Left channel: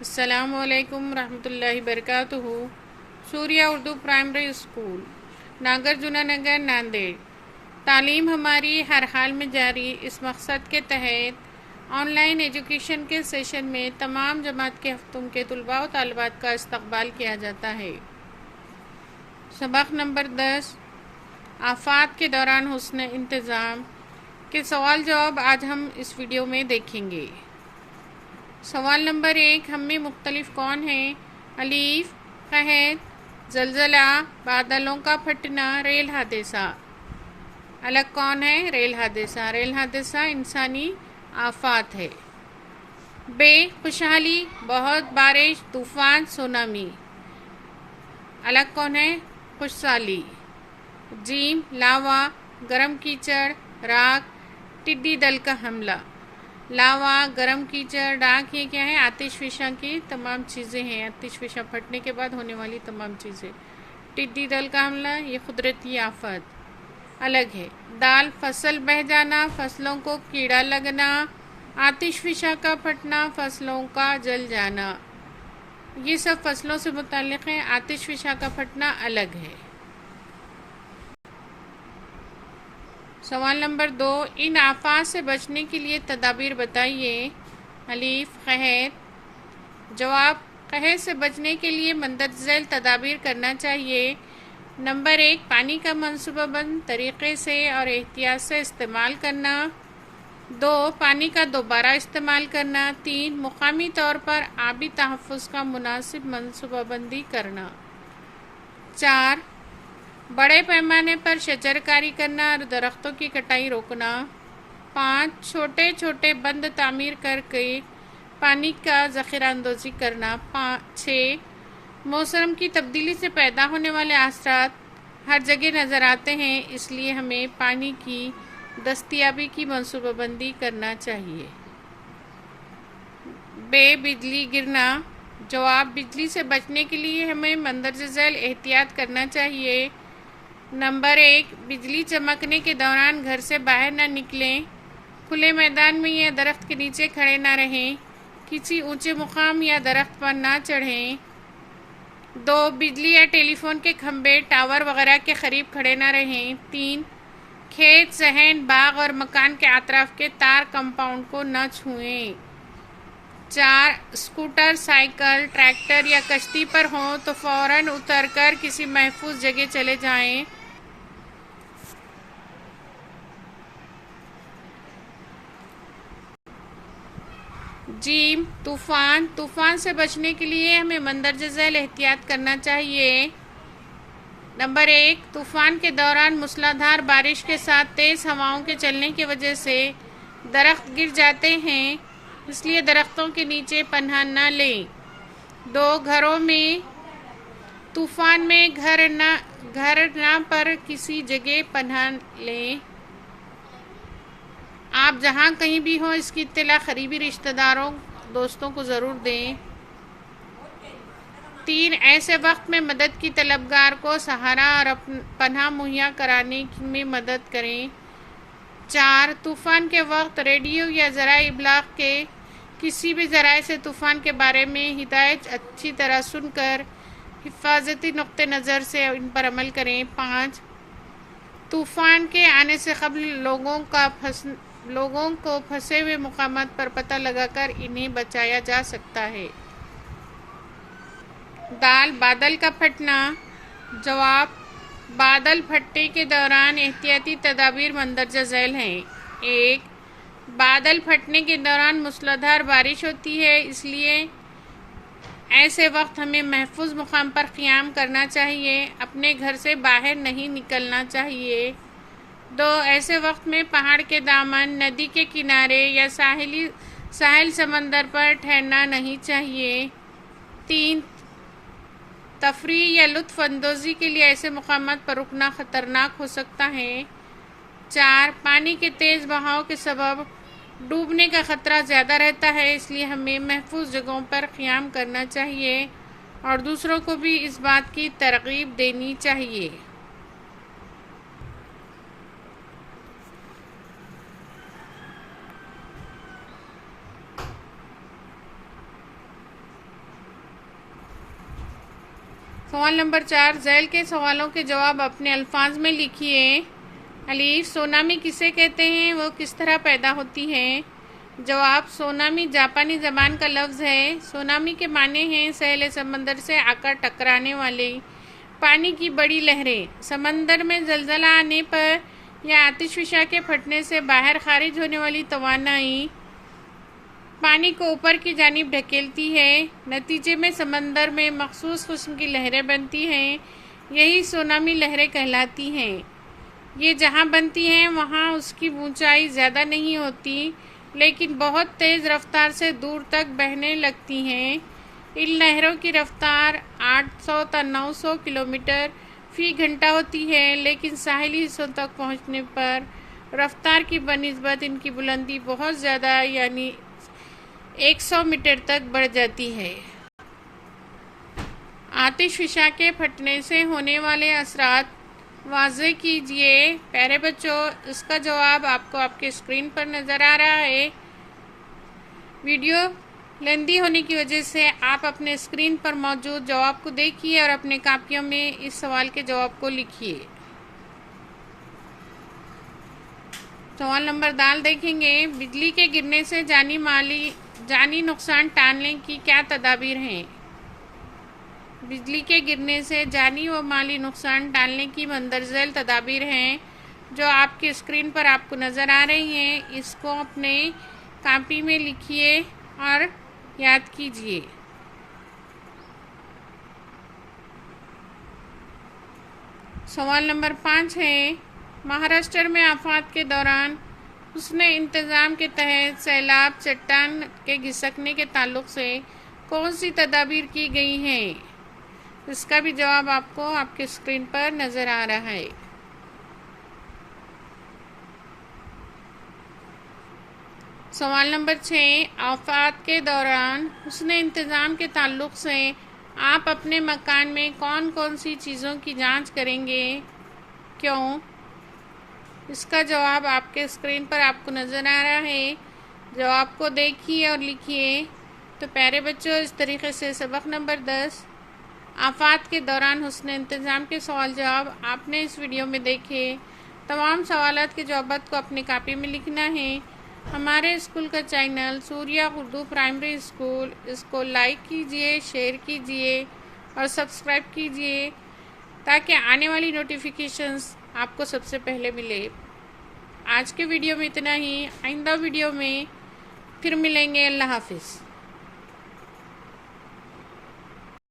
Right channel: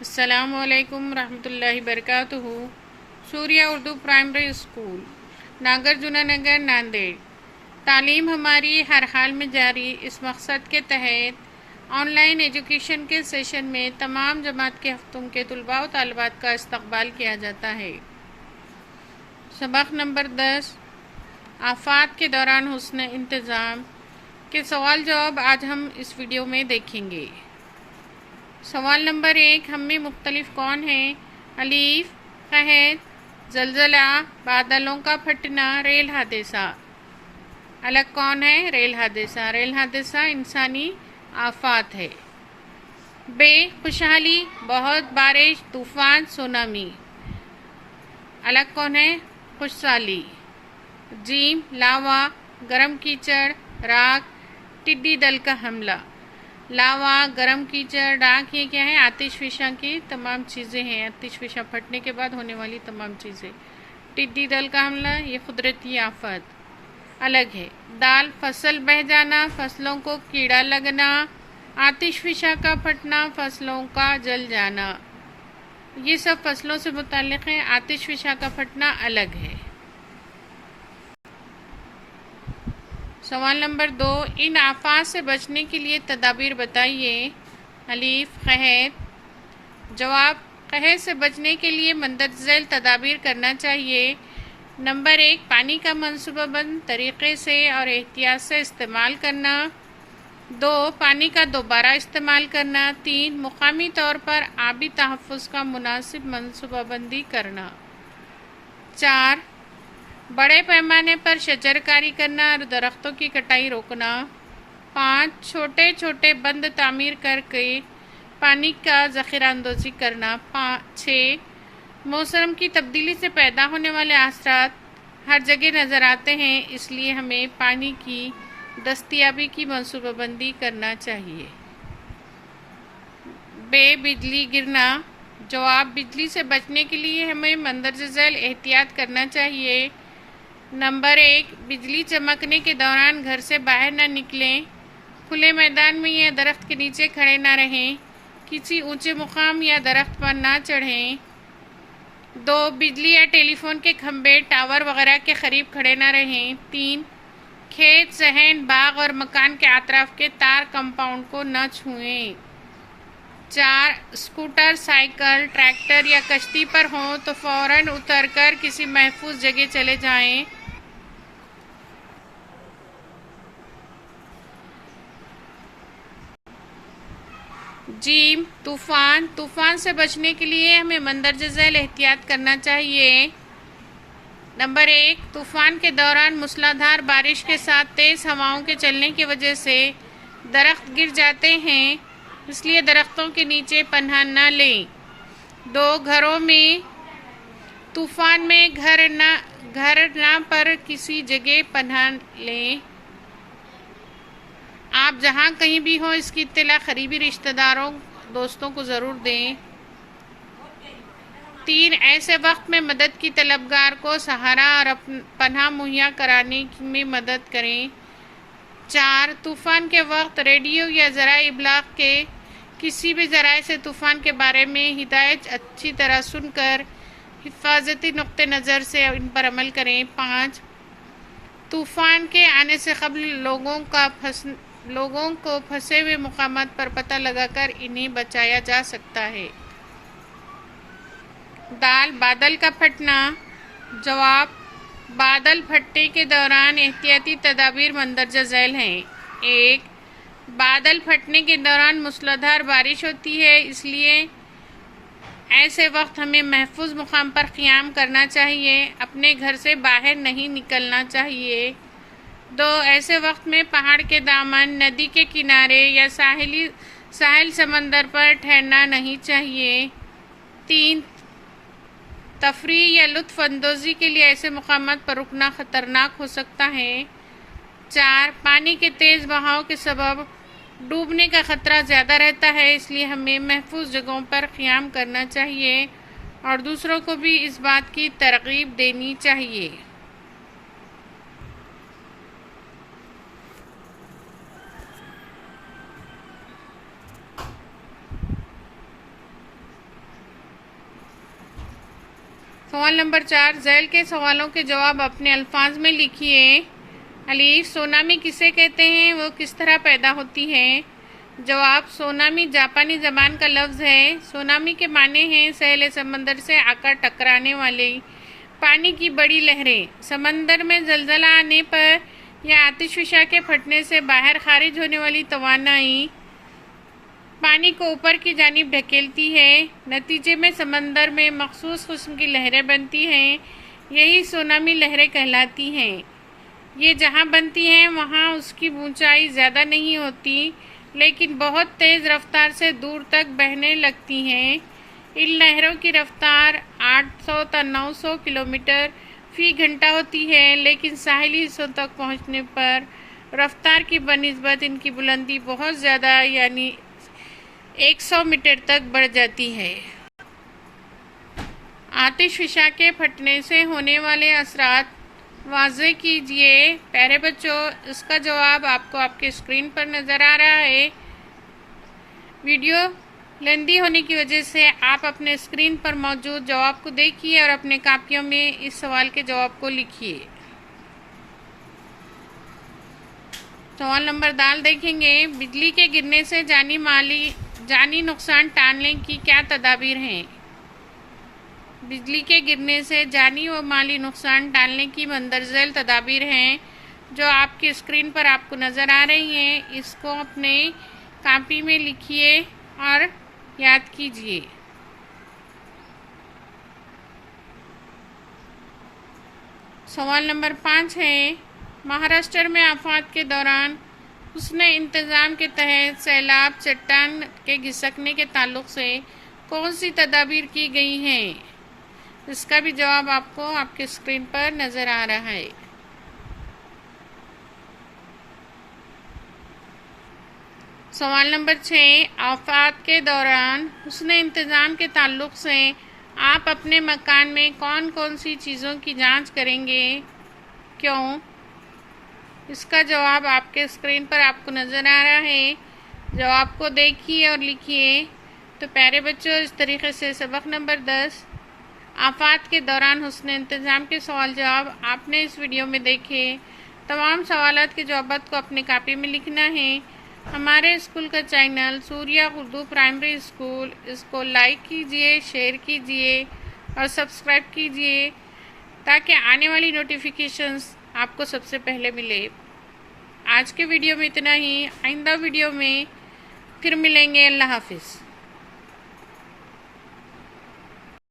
السلام علیکم ورحمۃ اللہ وبرکاتہ۔ سوریہ اردو پرائمری اسکول، ناگر جنا نگر، ناندیڑ۔ تعلیم ہماری ہر حال میں جاری، اس مقصد کے تحت آن لائن ایجوکیشن کے سیشن میں تمام جماعت کے ہفتوں کے طلباء و طالبات کا استقبال کیا جاتا ہے۔ سبق نمبر 10، آفات کے دوران حسن انتظام کے سوال جواب آج ہم اس ویڈیو میں دیکھیں گے۔ سوال نمبر 1، ہم میں مختلف کون ہیں؟ الف، قحط، زلزلہ، بادلوں کا پھٹنا، ریل حادثہ۔ الگ کون ہے؟ ریل حادثہ۔ ریل حادثہ انسانی آفات ہے۔ ب، خوشحالی، بہت بارش، طوفان، سونامی۔ الگ کون ہے؟ خوشحالی۔ جیم، لاوا، گرم کیچڑ، راکھ، ٹڈی دل کا حملہ۔ لاوا، گرم کیچڑ، راکھ، یہ کیا ہے؟ آتش فشاں کی تمام چیزیں ہیں، آتش فشاں پھٹنے کے بعد ہونے والی تمام چیزیں۔ ٹڈی دل کا حملہ، یہ قدرتی آفت الگ ہے۔ دال، فصل بہہ جانا، فصلوں کو کیڑا لگنا۔ آتش فشاں کا پھٹنا، فصلوں کا جل جانا، یہ سب فصلوں سے متعلق ہے۔ آتش فشاں کا پھٹنا الگ ہے۔ سوال نمبر 2، ان آفات سے بچنے کے لیے تدابیر بتائیے۔ الف، قحط۔ جواب، قحط سے بچنے کے لیے مندرجہ ذیل تدابیر کرنا چاہیے۔ نمبر 1، پانی کا منصوبہ بند طریقے سے اور احتیاط سے استعمال کرنا۔ 2، پانی کا دوبارہ استعمال کرنا۔ 3، مقامی طور پر آبی تحفظ کا مناسب منصوبہ بندی کرنا۔ 4، بڑے پیمانے پر شجر کاری کرنا اور درختوں کی کٹائی روکنا۔ 5، چھوٹے چھوٹے بند تعمیر کر کے پانی کا ذخیرہ اندوزی کرنا۔ 6، موسم کی تبدیلی سے پیدا ہونے والے اثرات ہر جگہ نظر آتے ہیں، اس لیے ہمیں پانی کی دستیابی کی منصوبہ بندی کرنا چاہیے۔ ب، بجلی گرنا۔ جواب، بجلی سے بچنے کے لیے ہمیں مندرجہ ذیل احتیاط کرنا چاہیے۔ نمبر 1، بجلی چمکنے کے دوران گھر سے باہر نہ نکلیں، کھلے میدان میں یا درخت کے نیچے کھڑے نہ رہیں، کسی اونچے مقام یا درخت پر نہ چڑھیں۔ 2، بجلی یا ٹیلی فون کے کھمبے، ٹاور وغیرہ کے قریب کھڑے نہ رہیں۔ 3، کھیت، صحن، باغ اور مکان کے اطراف کے تار کمپاؤنڈ کو نہ چھوئیں۔ 4، اسکوٹر، سائیکل، ٹریکٹر یا کشتی پر ہوں تو فوراً اتر کر کسی محفوظ جگہ چلے جائیں۔ جیم، طوفان۔ طوفان سے بچنے کے لیے ہمیں مندرجہ ذیل احتیاط کرنا چاہیے۔ نمبر 1، طوفان کے دوران موسلا دھار بارش کے ساتھ تیز ہواؤں کے چلنے کی وجہ سے درخت گر جاتے ہیں، اس لیے درختوں کے نیچے پناہ نہ لیں۔ 2، گھروں میں طوفان میں گھر نہ پر کسی جگہ پناہ لیں۔ آپ جہاں کہیں بھی ہوں اس کی اطلاع قریبی رشتہ داروں، دوستوں کو ضرور دیں۔ 3، ایسے وقت میں مدد کی طلبگار کو سہارا اور پناہ مہیا کرانے میں مدد کریں۔ 4، طوفان کے وقت ریڈیو یا ذرائع ابلاغ کے کسی بھی ذرائع سے طوفان کے بارے میں ہدایت اچھی طرح سن کر حفاظتی نقطہ نظر سے ان پر عمل کریں۔ 5، طوفان کے آنے سے قبل لوگوں کو پھنسے ہوئے مقامات پر پتہ لگا کر انہیں بچایا جا سکتا ہے۔ دال، بادل کا پھٹنا۔ جواب، بادل پھٹنے کے دوران احتیاطی تدابیر مندرجہ ذیل ہیں۔ 1، بادل پھٹنے کے دوران موسلا دھار بارش ہوتی ہے، اس لیے ایسے وقت ہمیں محفوظ مقام پر قیام کرنا چاہیے، اپنے گھر سے باہر نہیں نکلنا چاہیے۔ 2، ایسے وقت میں پہاڑ کے دامن، ندی کے کنارے یا ساحل سمندر پر ٹھہرنا نہیں چاہیے۔ 3، تفریح یا لطف اندوزی کے لیے ایسے مقامات پر رکنا خطرناک ہو سکتا ہے۔ 4، پانی کے تیز بہاؤ کے سبب ڈوبنے کا خطرہ زیادہ رہتا ہے، اس لیے ہمیں محفوظ جگہوں پر قیام کرنا چاہیے اور دوسروں کو بھی اس بات کی ترغیب دینی چاہیے۔ سوال نمبر 4، ذیل کے سوالوں کے جواب اپنے الفاظ میں لکھیے۔ الف، سونامی کسے کہتے ہیں؟ وہ کس طرح پیدا ہوتی ہے؟ جواب، سونامی جاپانی زبان کا لفظ ہے۔ سونامی کے معنی ہیں ساحل سمندر سے آ کر ٹکرانے والی پانی کی بڑی لہریں۔ سمندر میں زلزلہ آنے پر یا آتش فشاں کے پھٹنے سے باہر خارج ہونے والی توانائی پانی کو اوپر کی جانب دھکیلتی ہے۔ نتیجے میں سمندر میں مخصوص قسم کی لہریں بنتی ہیں، یہی سونامی لہریں کہلاتی ہیں۔ یہ جہاں بنتی ہیں وہاں اس کی اونچائی زیادہ نہیں ہوتی، لیکن بہت تیز رفتار سے دور تک بہنے لگتی ہیں۔ ان لہروں کی رفتار 800 تا 900 کلومیٹر فی گھنٹہ ہوتی ہے، لیکن ساحلی حصوں تک پہنچنے پر رفتار کی بنسبت ان کی بلندی بہت زیادہ یعنی 100 میٹر تک بڑھ جاتی ہے۔ آتش فشاں کے پھٹنے سے ہونے والے اثرات واضح کیجیے۔ پیارے بچوں، اس کا جواب آپ کو آپ کے اسکرین پر نظر آ رہا ہے۔ ویڈیو لیندی ہونے کی وجہ سے آپ اپنے اسکرین پر موجود جواب کو دیکھیے اور اپنے کاپیوں میں اس سوال کے جواب کو لکھیے۔ سوال نمبر دال دیکھیں گے، بجلی کے گرنے سے جانی نقصان ٹالنے کی کیا تدابیر ہیں؟ بجلی کے گرنے سے جانی و مالی نقصان ٹالنے کی مندرجہ ذیل تدابیر ہیں، جو آپ کی اسکرین پر آپ کو نظر آ رہی ہیں۔ اس کو اپنے کاپی میں لکھیے اور یاد کیجیے۔ سوال نمبر 5 ہے، مہاراشٹر میں آفات کے دوران حسن انتظام کے تحت سیلاب چٹان کے گھسکنے کے تعلق سے کون سی تدابیر کی گئی ہیں؟ اس کا بھی جواب آپ کو آپ کے اسکرین پر نظر آ رہا ہے۔ سوال نمبر 6، آفات کے دوران حسن انتظام کے تعلق سے آپ اپنے مکان میں کون کون سی چیزوں کی جانچ کریں گے؟ کیوں؟ اس کا جواب آپ کے اسکرین پر آپ کو نظر آ رہا ہے۔ جواب کو دیکھیے اور لکھیے۔ تو پیارے بچوں، اس طریقے سے سبق نمبر 10 آفات کے دوران حسن انتظام کے سوال جواب آپ نے اس ویڈیو میں دیکھے۔ تمام سوالات کے جوابات کو اپنے کاپی میں لکھنا ہے۔ ہمارے اسکول کا چینل سوریہ اردو پرائمری اسکول، اس کو لائک کیجیے، شیئر کیجیے اور سبسکرائب کیجیے تاکہ آنے والی نوٹیفیکیشنز آپ کو سب سے پہلے ملے۔ آج کے ویڈیو میں اتنا ہی، آئندہ ویڈیو میں پھر ملیں گے۔ اللہ حافظ۔